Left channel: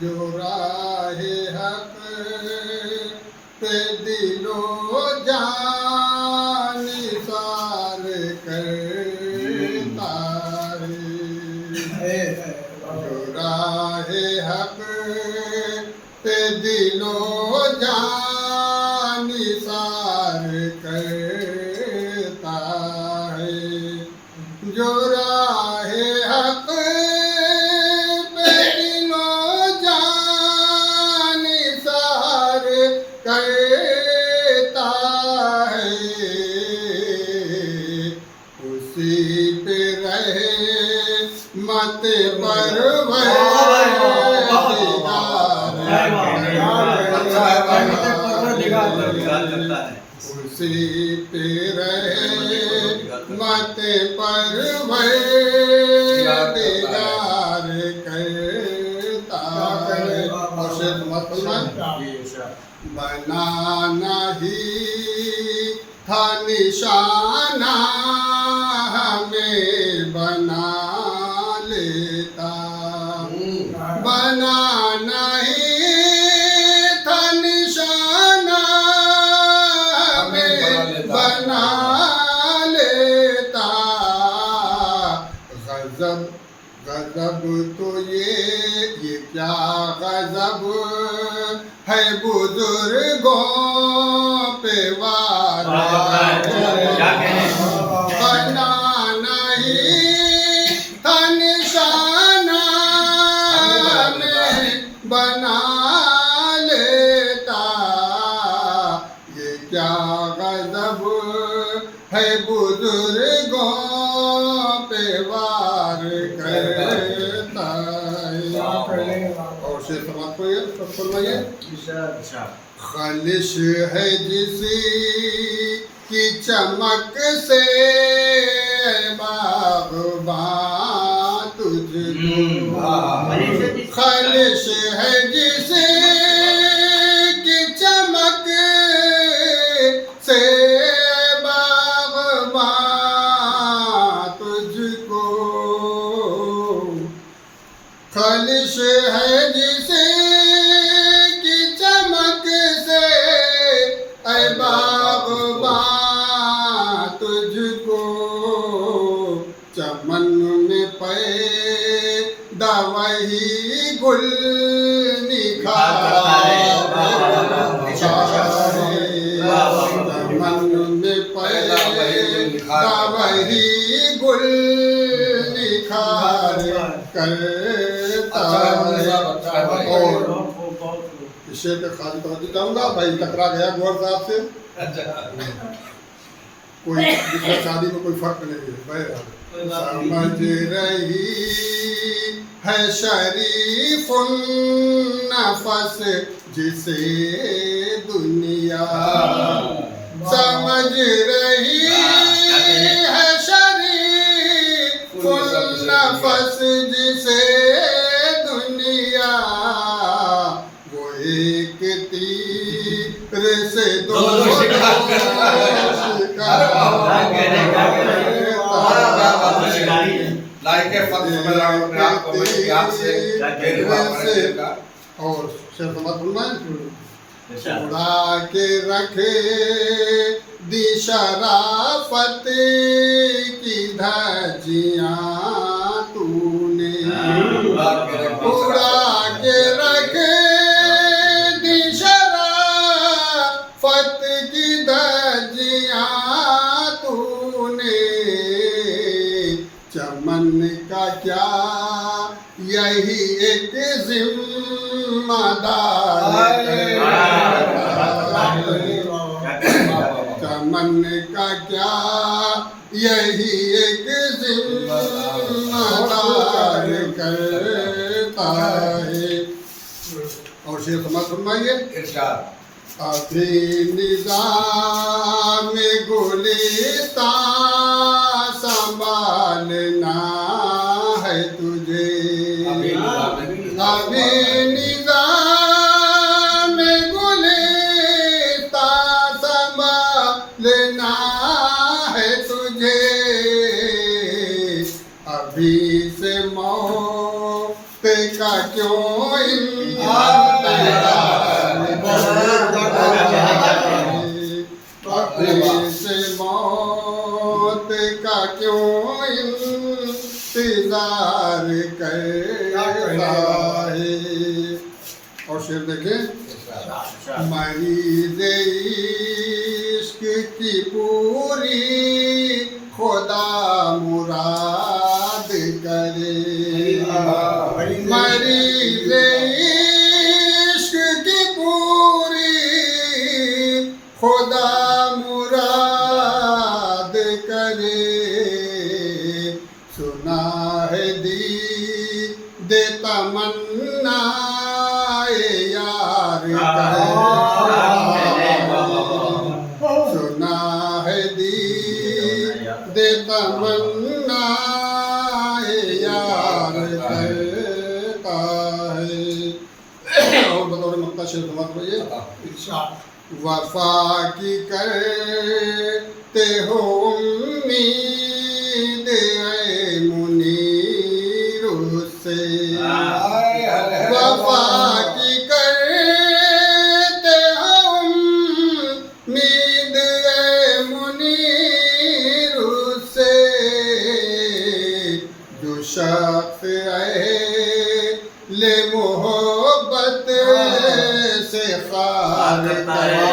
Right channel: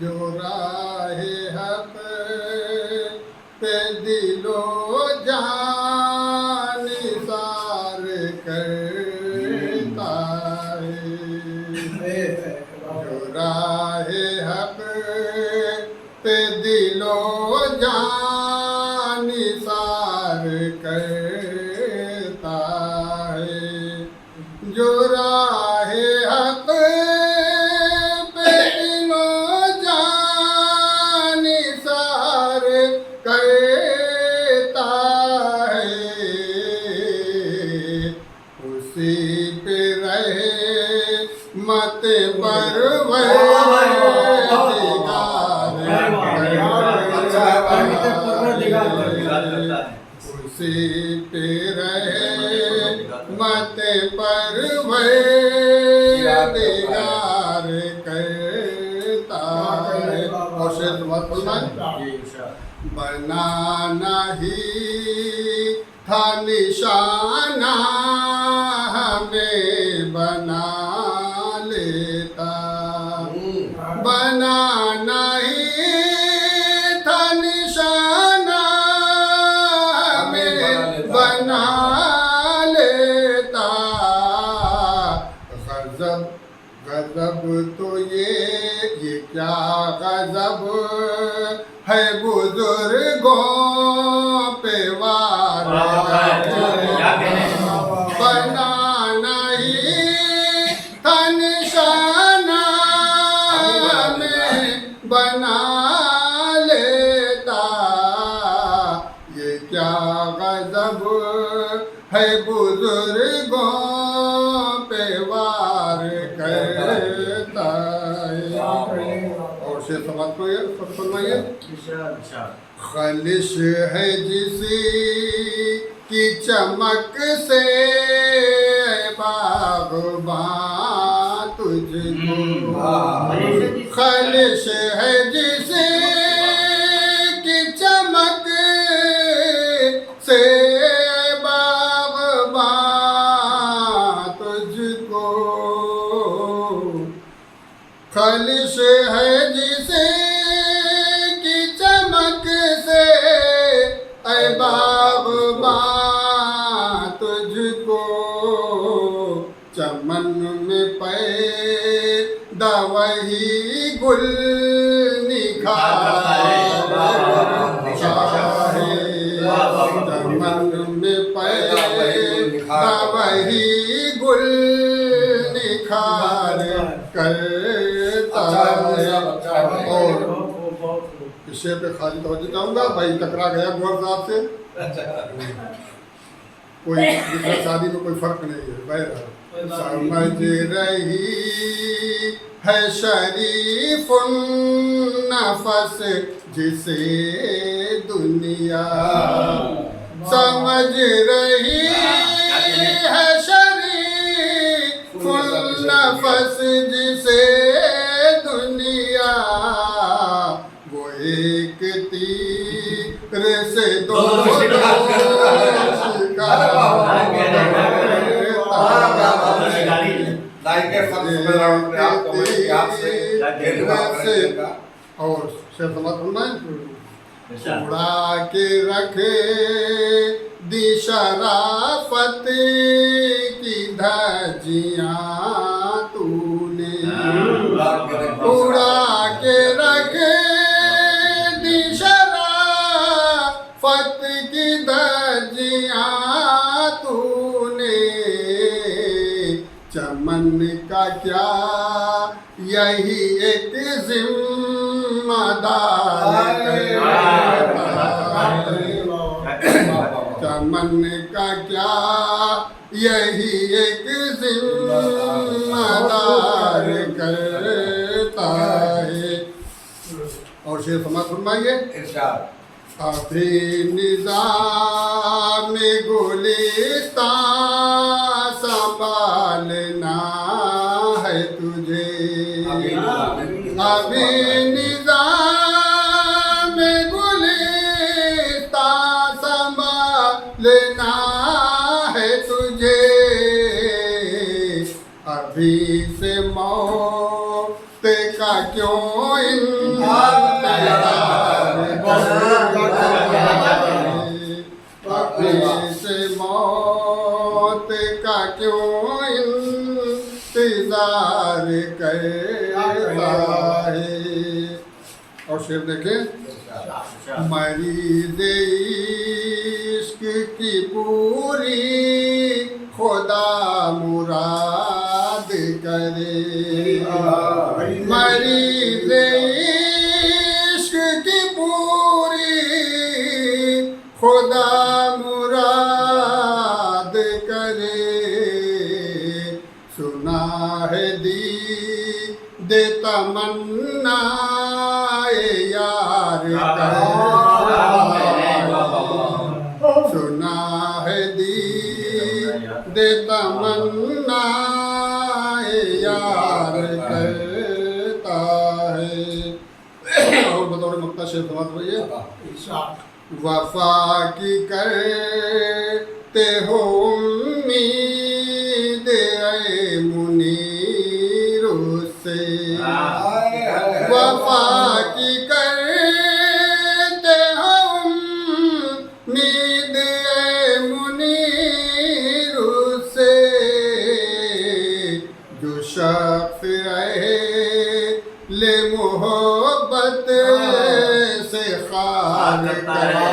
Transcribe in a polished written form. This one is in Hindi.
जो राहे हक पे दिलो जान निसार करता है। जो राहे हक पे दिलो जान निसार करता है। जो राहे हक पे दिलो जान निसार करता है। उसी पे रहे मत उसी पे रहे मत परवरदिगार करता है। और शेर मत बनाना ही था निशाना हमें बना लेता। बनाना ही था निशाना हमें बना लेता। गजब गजब तो ये क्या गजब है बुजुर्गों पे वार। बनाना ही था निशाना में बना लेता। ये क्या गजब है बुजुर्गों पे वार करता है। और से फरमाइए खालिश है जिसी की चमक से बाग़बां तुझको। खालिश है जिसी की चमक से बाग़बां तुझको। खालिश है जिसे की चमक से ऐ बाग़बां तुझको। चमन में पैदा वही गुल निखारे। चमन में पैदा वही गुल निखार करता है। और शेर पे खाली तवज्जो चाहूँगा। भाई टकरा गया गौर साहब से। कोई दूसरा शादी में कोई फर्क नहीं है। बहरहाल समझ रही है शरीफुन नफस जिसे दुनिया। समझ रही है शरीफुन नफस जिसे दुनिया। वो एक तीर से दो और उड़ा के रखे दी शराफत की धज्जियां तूने। उड़ा के रखे दी शराफत की धज्जियां तूने। चमन का क्या यही एक जिम्मेदार। चमन का क्या यही एक जिम्मेदार करता है। और शेर समाज फरमाइए। अभी निज़ाम गुलिस्तान संभालना है तुझे। अभी निज़ाम गुलिस्तान संभालना है तुझे। अभी से मौत का क्यों से मौत का क्यों इंतजार करता है। और शेर देखें, मरीज़ इश्क की पूरी खुदा मुराद करे। मरीज़ इश्क की पूरी खुदा मुराद करे। सुना है दी दे तमन्ना यार सुना है दी दे तमन्ना यार करता है। और बतौर मक्ता शेर समाप्त भैया, वफा की करते हो उम्मीद ऐ मुनीर से। वफा की करते हो उम्मीद ऐ मुनीर से। जो शख्स ले मोहब्बत से खार करे।